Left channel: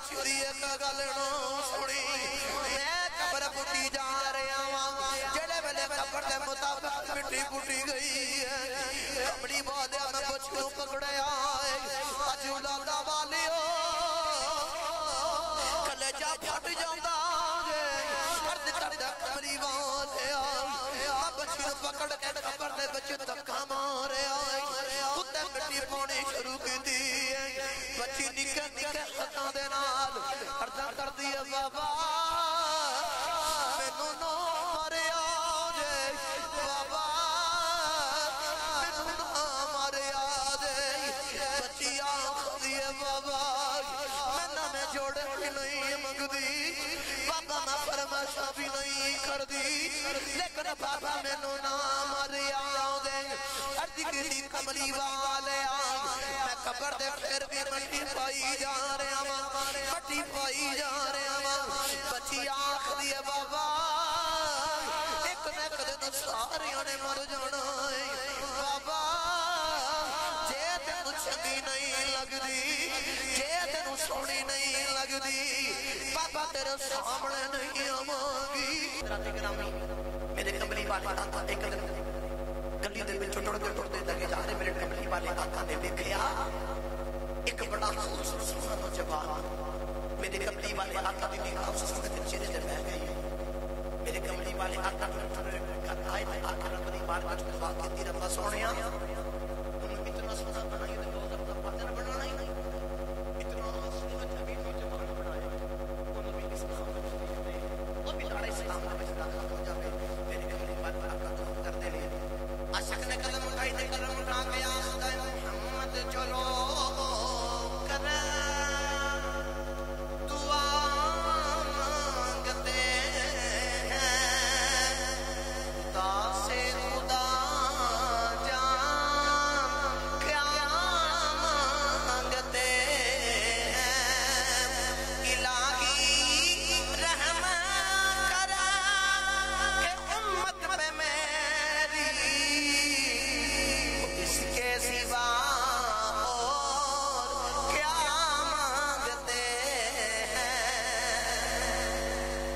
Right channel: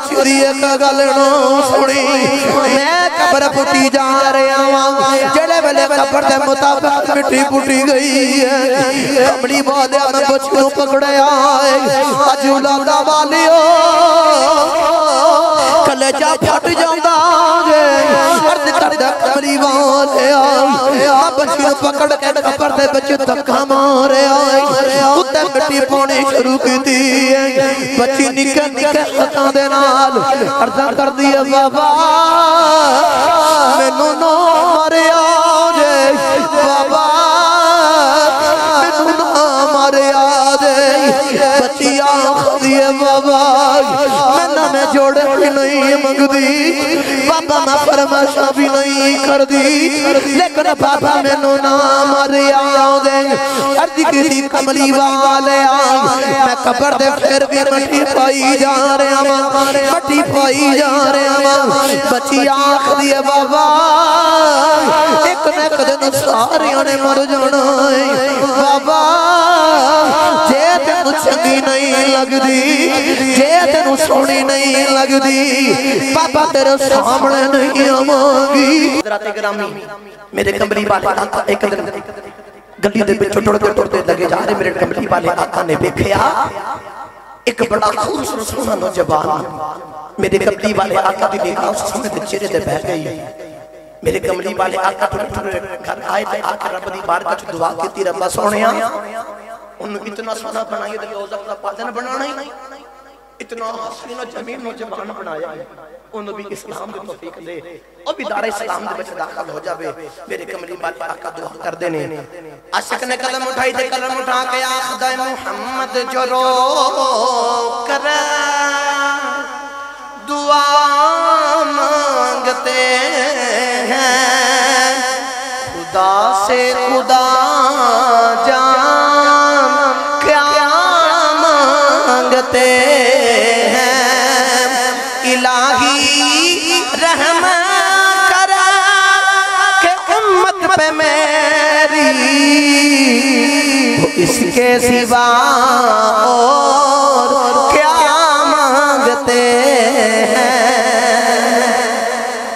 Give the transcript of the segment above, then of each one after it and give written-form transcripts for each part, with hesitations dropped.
बच्ची दी एक गल नू सुनी मैं कबर पुटी जा रहा वां जेड़े वेले कबर दे मुताबिक मिट्टी पुटी गई है कमली वाले मैं बच्ची नू पकड़या अज औलादा वालियो कलेजा फट जांदा जे अर्ज करदा कमली वाले बच्ची नू पकड़ के कबर दे विच धक्का मारिया उत्ते मिट्टी पानी शुरू कीती बच्ची निक्के निक्के हत्थां दे नाल अर्ज़ करदी है बाबा मैनू ना मारिया जे बाबा मैनू ना मारिया जे बच्ची आखदी है बाबा मैं जोड़े भी नहीं मंगदी बाबा मैं फरमाइशा भी नहीं करदी लेकिन बाबा मैनू ना मारिया दे अर्ज की कमली वाले मैं कबर दे फिर भी मट्टी पाई जा रहा वां मट्टी पाई जा रहा वां बच्ची आखदी है बाबा एक न एक दिन सारियां ने मर जाना है बाबा जे तेनू चंगी नहीं लगदी जे तेनू सोहनी नहीं लगदी बाबा तेरे सामने नहीं आवांगी हज़रात गिरामी मेरे कमली वाले आका एक दिन गली दे विच टुरदे लगे जा रहे मेरे कमली वाले आका ने देखया एक बड़ा खूबसूरत सोहना नौजवान मेरे कमली वाले आका दी निगाह उस सोहने दे चेहरे ते बह गई मेरे कमली वाले आका थोड़े घर आए ते आके रब दी बारगाह च दुआ कीती रब्बा सोहणिया उन्हें इतना सोहना बनाया ते रोज़ा दा पादन बनाना ही इतना हसीन जमीन नौजवान बनाया उन्हें भी इस्लाम की तौफीक दे और भी दारे इस्लाम दे विच दाखिल हो जावे मेरे कमली वाले आका दुआ करदे ने आशिक ने कलम उठाई ते कलम उठा के आखदा मुहम्मद जो रो कर दुआ मांगते हैं खुदा से खुदा जान क्या मांगते पे मेरी इसके सिवा और क्या मांगते हैं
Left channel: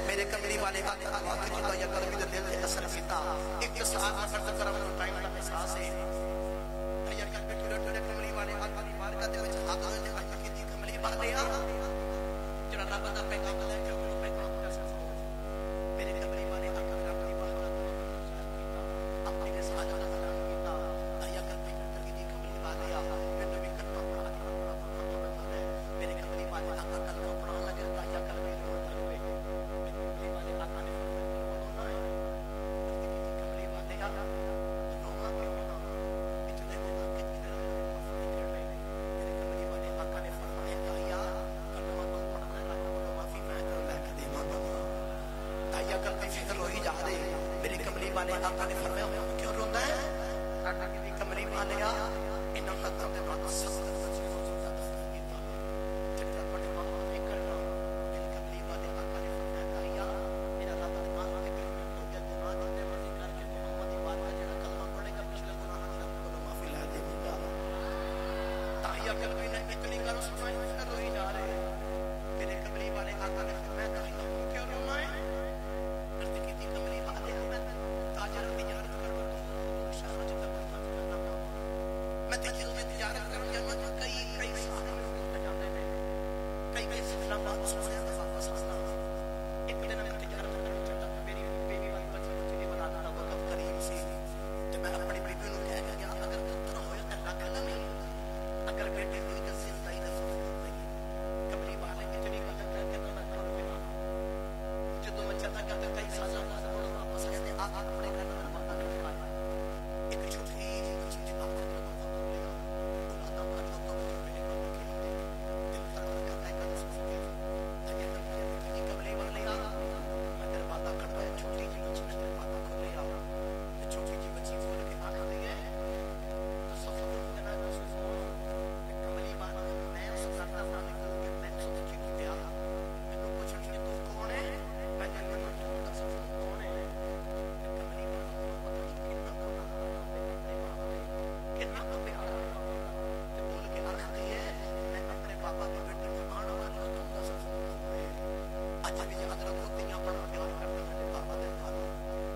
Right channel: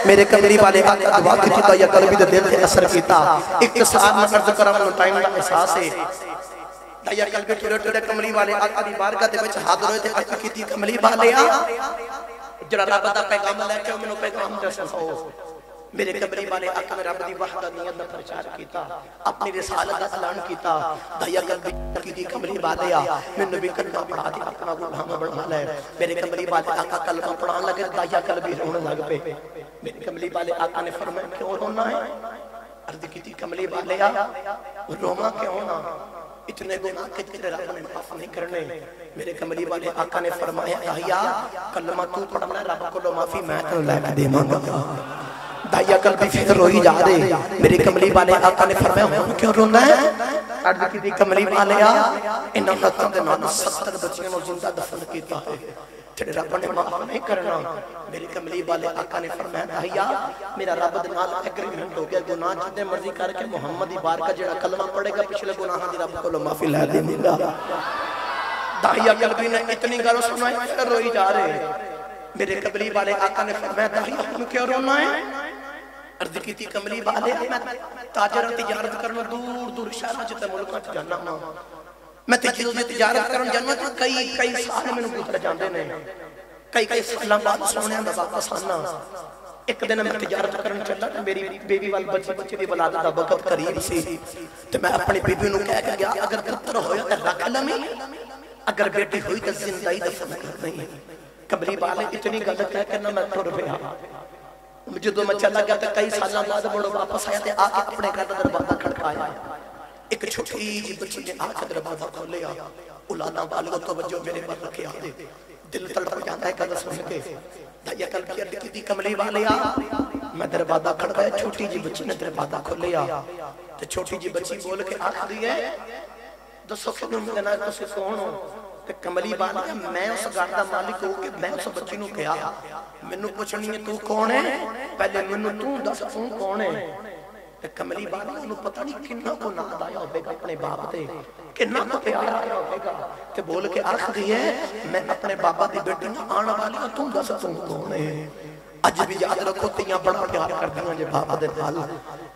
मेरे कमली वाले आका दुआ कीता या कल्बी दे दिल ते असर कीता इख्तिसार न अर्ज करा मैं टाइम दा एहसास है या कल्बी टुरे कमली वाले आका दी बारगाह दे विच हाज़र होए ते अर्ज कीती कमली वाले जड़ा रब दा पैगाम लेके मैनू पैगाम दसो मेरे कमली वाले आका ने रब दी वहदानियत दा प्रचार कीता अपनी रिसालत दा ऐलान कीता दया कल्बी दी कमली वाले मैनू भी कलमा पढ़ा के अपना गुलाम बना ले मेरे कमली वाले आका कलमा पढ़ान लगे दया कल्बी रोने लग पे मेरे कमली वाले आका ने फरमाया क्यों रोना है अर्ज की कमली वाले रोमा क्यों ना इतने गुनाह के तेरे रब ने माफ नहीं करने मेरे कमली वाले आका ने फरमाया दया कलमा तू पढ़ना रब को माफी मैं तेरे लेके देवांगा दाया कल्बी फिर रोई जा रहे मेरे कमली वाले आका ने फरमाया क्यों रोना है अर्ज की कमली वाले इन्हां हत्थां दे नाल 70 बच्चियां नूं जिंदा दफन कीता है जेड़े रब ने माफ नहीं करना मेरे कमली वाले आका ने फरमाया दाया मेरा रब दे नाल एग्रीमेंट हो गया गुनाह जितने मर्जी करके मुहम्मद दी बारगाह जेड़ा कलमा पढ़ेगा पिछले गुनाहां दी रब कोलों माफी ले देगा दाया कल्बी ने इतनी गल सुनाई फिर रोई जा रहे मेरे कमली वाले आका ने फरमाया दाया तुम क्यों रोना है अर्ज की कमली वाले मैं ताजर तिजारत करना दूर दूर शहर च मुल्कां च जाना मैं तिजारत करन जाना कई साल मैनूं गुजर जांदे ने कई सालां बाद सोहणिया दा वापस आना एक दिन मैं तिजारत करन चला मेरी बेबी वाली बच्चे दी वलादत दा वक्त करीब सी ते मैं अपनी बीबी नूं कह के गया अगर पुत्र होया तां रख लवीं अगर बेटी हुई तां जिंदा ही दफन कर दईं कमली वाले इतनी गल कह के ना मैं टुर पिया जो मैं चला गया तो कई साल बाद मुड़ वापस आया आके अपने घर का दरवाजा खड़काया एक छोटी जी बच्ची ने आके दरवाजा खोलिया औलादा वालों तवज्जो मेरे पर रखे आदे दिल तड़प जाता है कदर सुन के दया करके की कमली वाले मैं दरवाजा खड़काया छोटी जी बच्ची ने दरवाजा खोलिया ते छोटी जी बच्ची बोल के आखदी है दसो किदों मिलना तुसीं कौन हो ते कमली वाले मैं उस घर दा मालिक हो के मैं उस बच्ची नूं कहा मैनू पूछनी है तू कौन है पहले मैनू तू दस तू कौन है कमली वाला पता नहीं कितना को नाद आया होगा अपने बाप से कितना तो प्यारा होगा ते बोल के आख दी है मैं अपने बाबा की बेटी आने वाली तू दस तू कौन है। अज भी याद रखो तियां बड़ा प्यार करदियां जे बाप दे नाल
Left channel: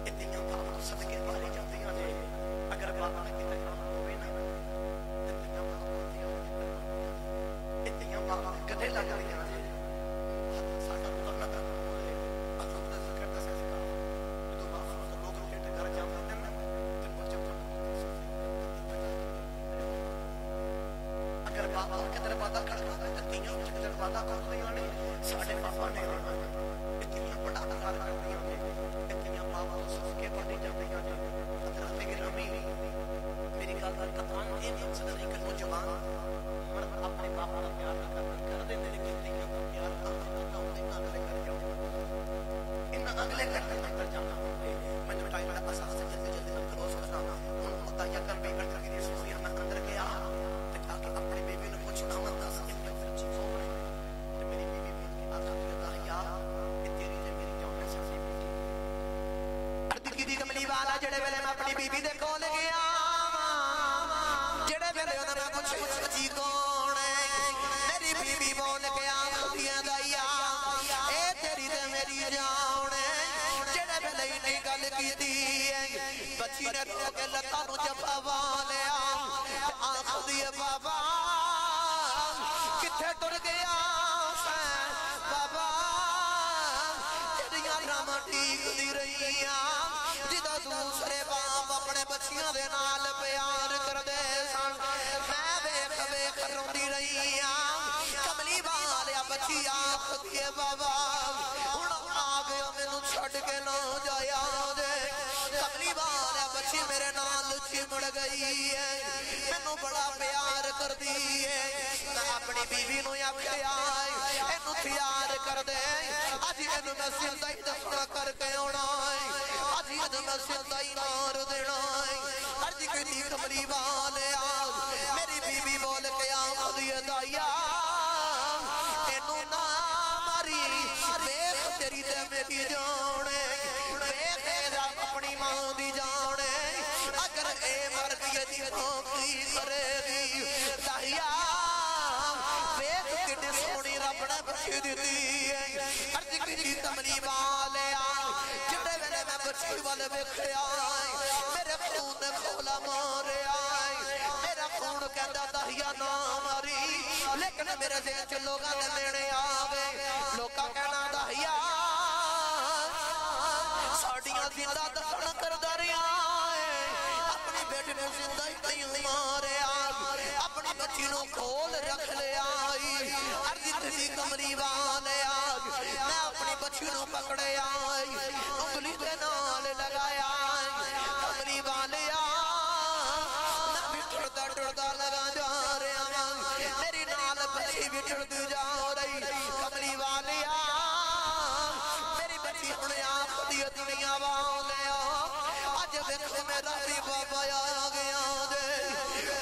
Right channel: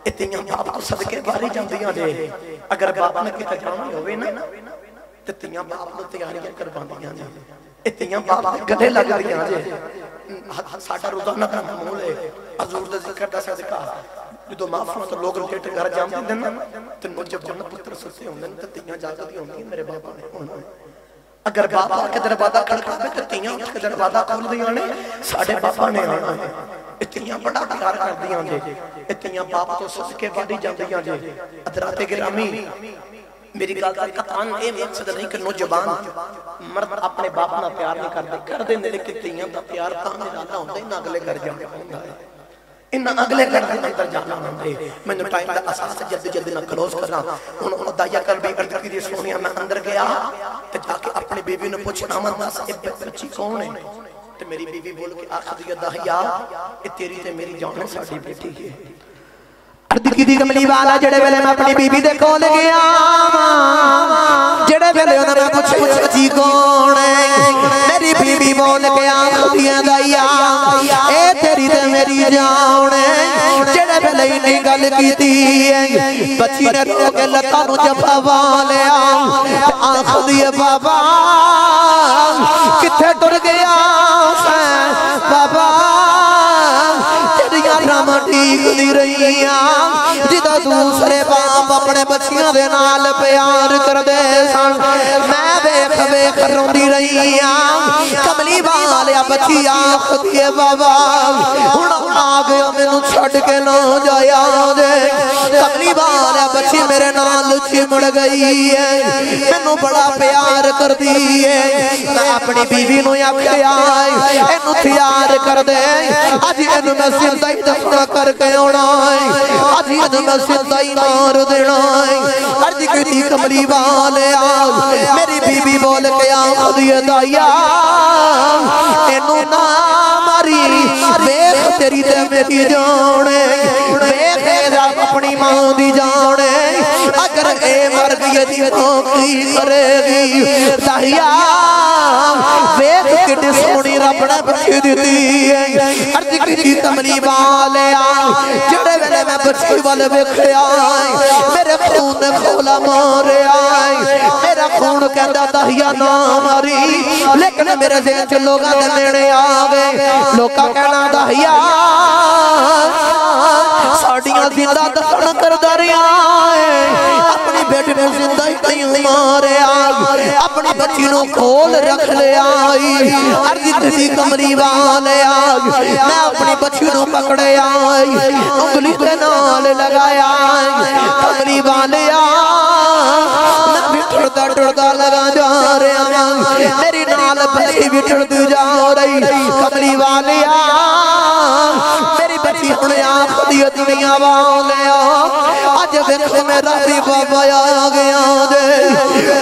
ए तियां बाप को सदके बारी जांदियां जे अगर बाप ने किते जाना होवे ना ते तियां बाप को तैयारियां करवांदियां जे ए तियां बाप दे गले लगदियां जे साडा रोजाना का मामूल है हजूर दा जिक्र दा सदका जो माफिया तो लोग लेट घर जाते दिन ते मुझे जन पुत्र सुसे होंदे ते तियां जागदी होंदी मेरे बाबा ने होना। अगर बाबा के दरवाजा खड़कावे ते तियां उठ के दरवाजा खोलदियां ने साडे बाबा ने आना है। ए तियां बड़ा प्यार करदियां जे ए तियां बाप तो सदके वाली जांदियां जे। हज़रात गिरामी मेरी गल दा कतान ए मकसद नहीं कि नौजवान मर्द अपने बाप नाल प्यार नहीं करदे लेकिन तियां दा प्यार तां ज्यादा होंदा ना अगले घर जाके होंदा है। इन अगले घर के अंदर जाना होंदे मैनू टाइम दा एहसास जल्दी जल्दी ना क्लोज करना हुन दाया कर भी अर्ज की सोनिया मैं अंदर गया ते जाके अपनी बीवी ने पूछा अमन दस ए बच्ची कौन है ते मेरी बीवी बोल के आखदी दहिया ए तेरी ते मेरी जान साडी बेटी है। अर्ज की दी कमली वाला जेड़े वेले मैं अपनी बीवी दे कोल गया जेड़े वेले उन्होंने पूछा बच्ची कौन है मेरी बीवी बोल के आखदी दहिया ए तेरी ते मेरी जान जेड़े वेले इन्नी गल कीती बच्ची ने रो के लत्तां नूं जफा पा लिया आखदी बाबा किथे टुर गया बाबा तेरियां ड्रामा ठीक दी रहियां जिदा दूसरे बाप अपने बच्चियां दे नाल प्यार करदे सन मैं वेख वेख रोंदी रहियां कमली वालिया बच्ची आखदी है बाबा हुण आ गया मैनू छड्ड के ना जाया दे। कमली वालिया बच्ची मेरे नाल चिमड़ गई है मैनू बड़ा प्यार करदी है मैं अपनी बीवी नूं आखिया इनू तैयार कर दे अज इनू मैं सिद्धा ही दफना करके आउणा अज इनू मैं सिद्धा ही मार देना। अर्ज कीती कमली वालिया मेरी बीवी बोल के आखदी है दाइया इनू ना मारी वेख तेरी ते मेरी जान वेख अपनी मां दी जान अगर ए मर गई दी की करेगी दाइया वेख कितनी सोहनी रब ने बच्ची दी है। अर्ज कीती कमली वालिया जेड़े वेले मैं बच्ची वाल वेखिया मेरे खून ने खोला मारिया मेरा खून कहंदा दाहिया ना मारी लेकिन मेरे दिल च लोगां दे नेड़े आ गए लोकां कहना दाहिया साडियां जिंदा दफन करदा रहा अपनी बेटी ने जिंदा ही कहीं मारिया अपनी बच्ची नूं खोल रख लिया। अर्ज कीती कमली वालिया मैं अपनी बच्ची नूं पकड़िया उंगली दे नाल लगाया कमली वालिया टुरदा लगा जा रहा मेरी नाल बच्ची भी टुरदी जा रही कमली वालिया मेरी बच्ची हुण आखदी दुनिया वालिया अज वेख मेरा भी बाबा आ गया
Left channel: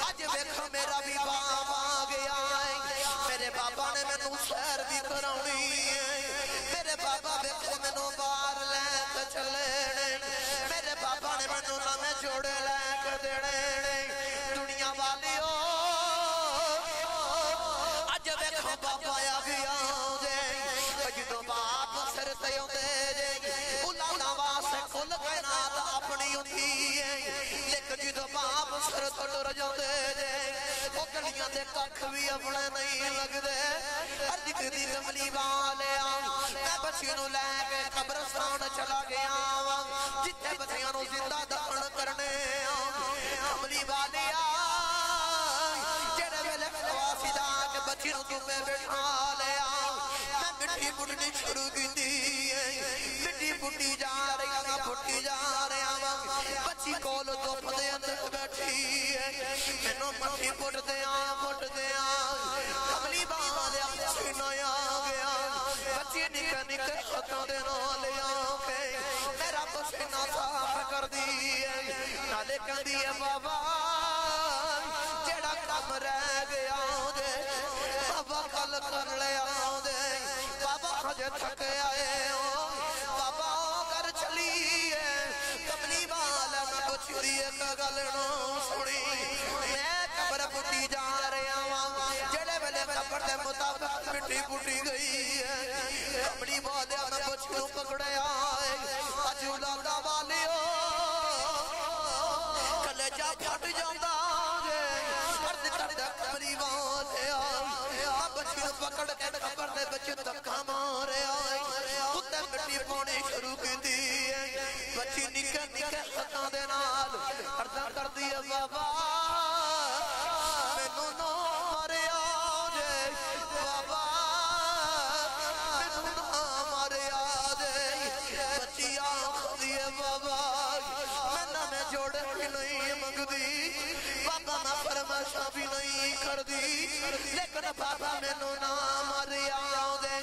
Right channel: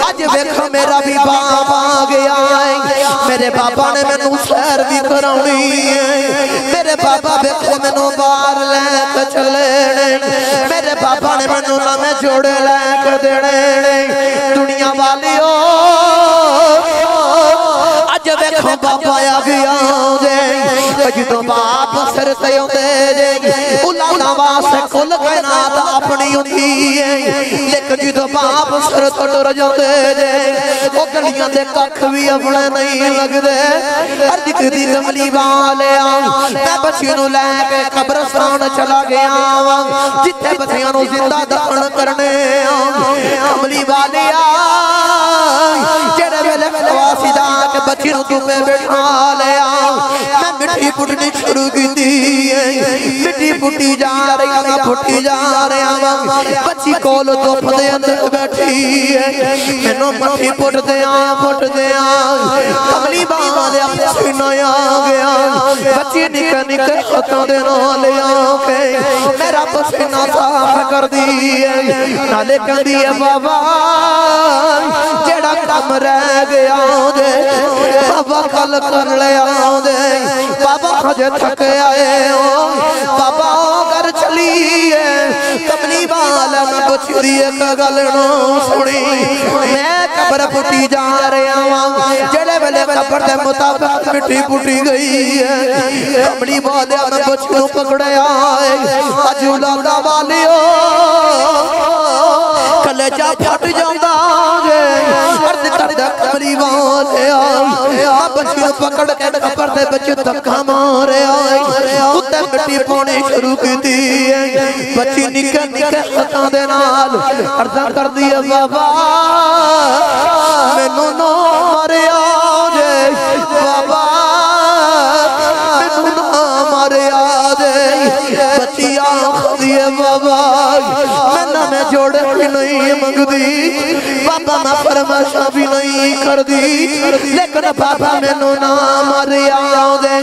अज वेख मेरा भी बाप आ गया मेरे बाबा ने मैनू सैर भी कराउणी मेरे बाबा वेख मैनू बाहर लैके चले मेरे बाबा ने मैनू नवे जोड़े लैके देने दुनिया वालियो अज वेखो बाबा आ गया जो बाप सिर ते आउंदे उलाना वास्ते कुल कायनात अपनी हुंदी है लेकिन जो बाप सिर तो टुर जांदे ओ गलियां दे कख भी अपने नहीं लगदे। अर्ज कीती कमली वालिया मैं बच्ची नूं लैके कब्रस्तान चला गया जिथे बच्चियां नूं जिंदा दफन करने कमली वालिया जेड़े वेले वासीदा के बच्ची नूं तुमे बैठा लिया मैं मिट्टी पुटनी शुरू की मिट्टी पुटी जा रही मैं पुटी जा रहा बच्ची कोल धुप दे अंदर बैठी मैनू मट्टी पुटदे कमली वालिया पसीना आ गया بچی نکا نکا خطوں دے نالے آنکے میرا پسینہ صاف کر دیئے نالے کر دیئے بابا جیڑا کم رہ گیا دے بابا کل کر لے دے بابا خجے تھک آئے بابا گھر چلیے کملی والا میں بچی دیئے کگلنوں سنی میں قبر پٹی جا رہے آواں جڑے ویلے قبر دے مطابق مٹی پٹی گئی ہے کملی والا میں بچیوں پکڑے آئے اجولا دا والیو کلیجہ پھٹ جاندہ آگے ارد کردہ کملی والے آئے بچیوں پکڑ کے قبر دے بچے تکا مارے آئے اتے مٹی پونے شروع کی دی بچی نکے نکے خطان دے نال ارد کر دیا بابا میں نو مارے آجے بابا میں نو مارے آجے بچی آنکھ دیے بابا میں جوڑے بھی نہیں مانگ دی بابا میں فرماشا بھی نہیں کر دی لیکن بابا میں نو مارے آجے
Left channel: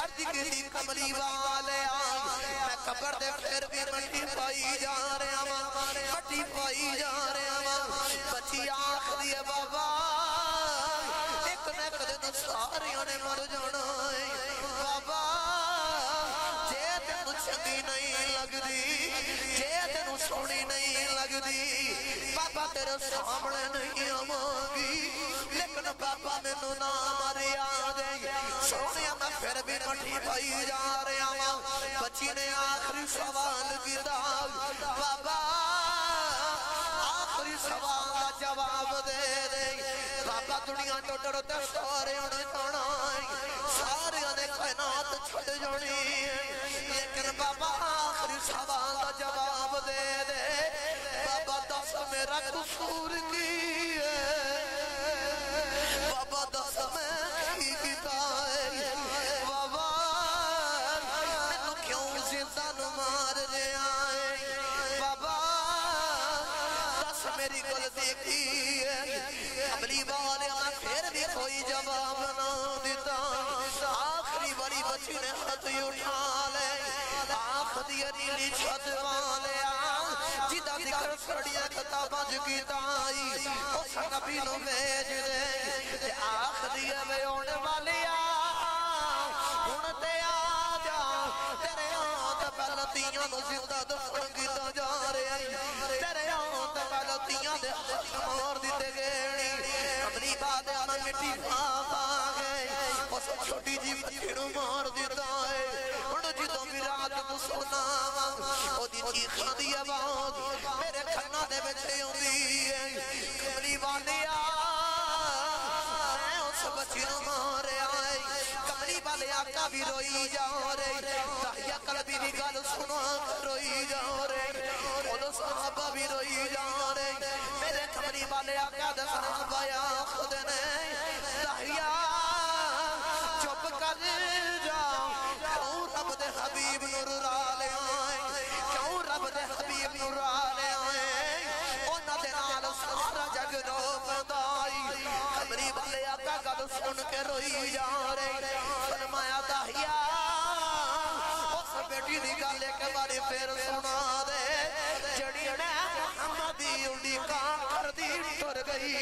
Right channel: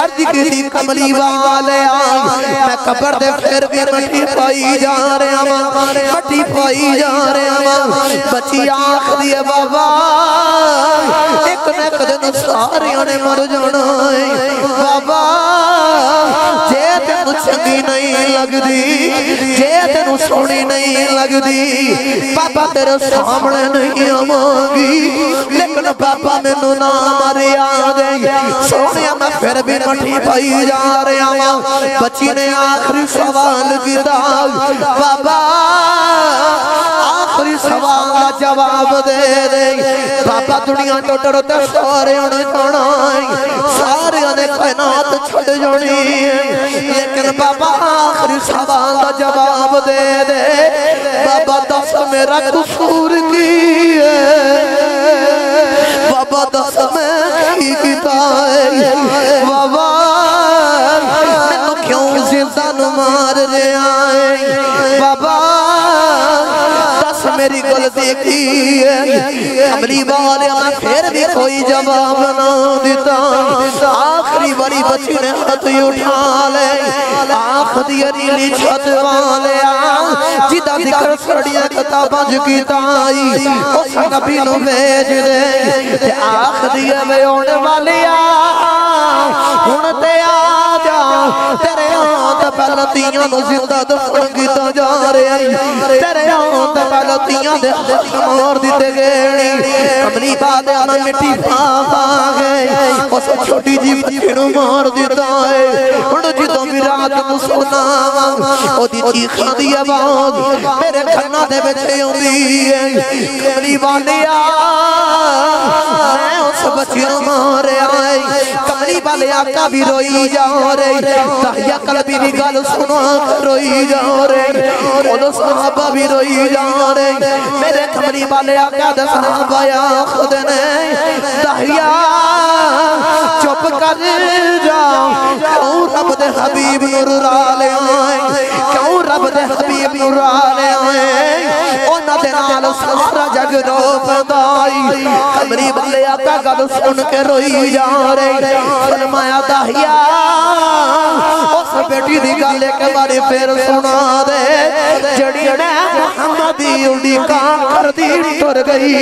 ارد کی دی کملی والے آج میں قبر دے پھر بھی مٹی پائی جا رہے ہیں مٹی پائی جا رہے ہیں بچی آنکھ دیے بابا ایک نیک دن ساریوں نے مر جانا ہے بابا جے تینو چنگی نہیں لگ دی جے تینو سونی نہیں لگ دی بابا تیرے سامنے نہیں آمانگی لیکن بابا میں نو نہ مارے آگئی سونیا میں پھر بھی مٹھی پائی جا رہے ہیں بچی نے آخری سوال کی داغ بابا آخری سوال جواب دے دے بابا دنیا جو ڈرتے سارے انہیں جانائیں سارے انہیں کائنات چھڑ جانی لیکن بابا آخری سوال جواب دے دے بابا دس میرا قصور کی ہے بابا دس میں کی ہے بابا میں کیوں زندہ نمار رہے آئیں بابا دس میری غلطی کی ہے کملی والے میں پھر بھی کوئی جواب نہ دیتا آخری بڑی بچی نے ہاتھ اٹھا لے آنکھ دی ریلی چھت والے جدہ ذکر سڑیاں کتاباں کی تائی اس نبی نو بھیج دے آخری میں ہونے والی ہونتے آجا تیرے آنکھ پہلتیاں نو زندہ دفن کیتا جا رہے ہیں تیرے آنکھ پہلتیاں دے مار دیتے گئے کملی بادے آنا مٹی پاپا گئے اس چھوٹی جی بچی نو مار دیتا ہے ان جدوں بھی رات نو سونا او دی چیخاں دی آواز میرے کھنا دے بچے ہوں دی کملی والے میں اس بچی نو مارے آئے کملی والے آقا بھی روئی جا رہے تحیہ قلبی بھی گل سنا روئی جا رہے اور صحابہ بھی روئی جا رہے میرے کملی والے آقا دے صحابہ یا خود نے تحیہ چپ کر جاؤ کیوں رب دے حبیب نور رالے آئیں کیوں رب دے حبیب نور رالے آئیں اونا دے نال سارا جگ رو پندائی کمری والے آقا گل سن کے روئی جا رہے فرمایا داہیا اس بیٹی دی گالے کے بارے پھر سنا دے جڑی نے محمدی اڑی کام کر دی ٹر گئی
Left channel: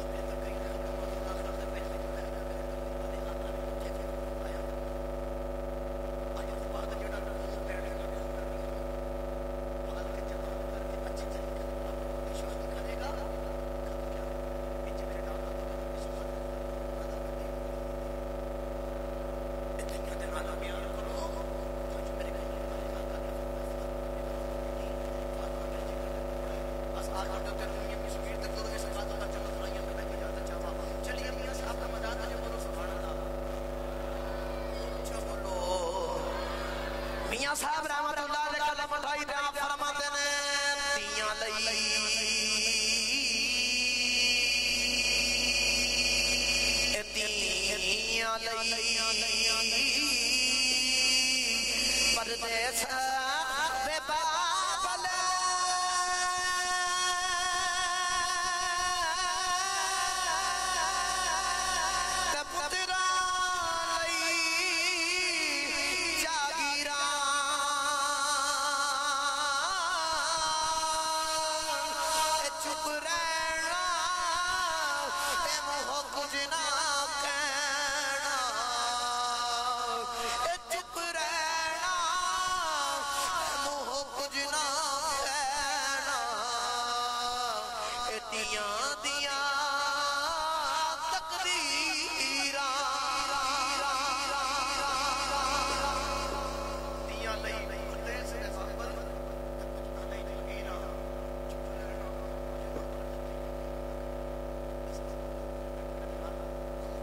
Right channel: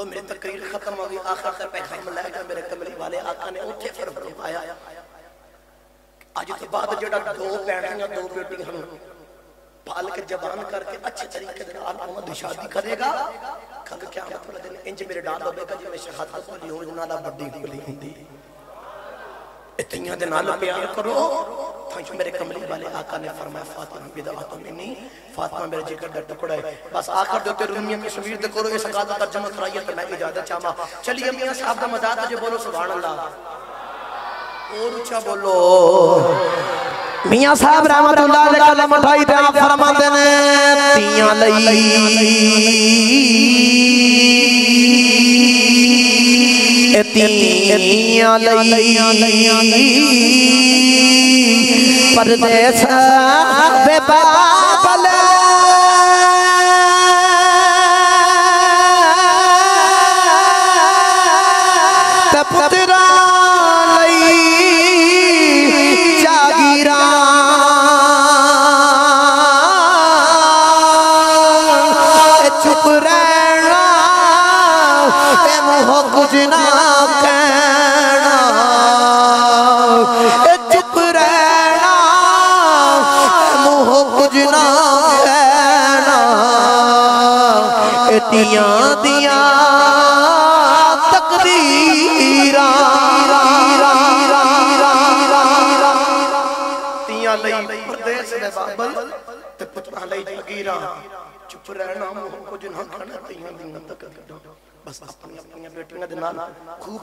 میرے تقریر ختم ہو گئی آخر سے پیغام لائے گا میرے کملی والے آقا نے اٹھے فرق آیا آج تو بعد جڑا دو بیٹھیں دو بیٹی ہوں پال کے جوان کر کے اچھے طریقے سے محمد شادی کرے گا کل کیا مطلب انج میرے ڈال ہوے گا جی شہادت کو یوں انہاں دا بڑی بڑی ہندی اتنیاں دے نال پیار کرو تو میرے کملی والے آقا نے فرمایا فاطمہ بدعات منی فاطمہ میرے جگر کا ٹکڑا ہے بس آخر دیتے رومیہ کی شمیر دے کرو اس قادر ترجمہ کرائیے تو میں اجازت چاہما چلیے میاں صاحب کا مزاد ہے جو بولو سبحان اللہ اور اچھا بولو میاں صاحب رحمت اللہ علیہ کلم اٹھائی تے آپ فرماتے نے تیاں لئی تیاں لئی پردیس بے بابل تے پترا لئی جاگیراں چپ رہنا اے موہ کچھ نہ کہنا اے چپ رہنا اے موہ کچھ نہ کہنا اے تیاں دیاں تقدیراں تیاں لئی پردیس دے بابل تے پترا لئی جاگیراں چپ رہنا موہ کچھ نہ کہنا تیاں دیاں تقدیراں بس اپنی بیٹیاں دے نال خوب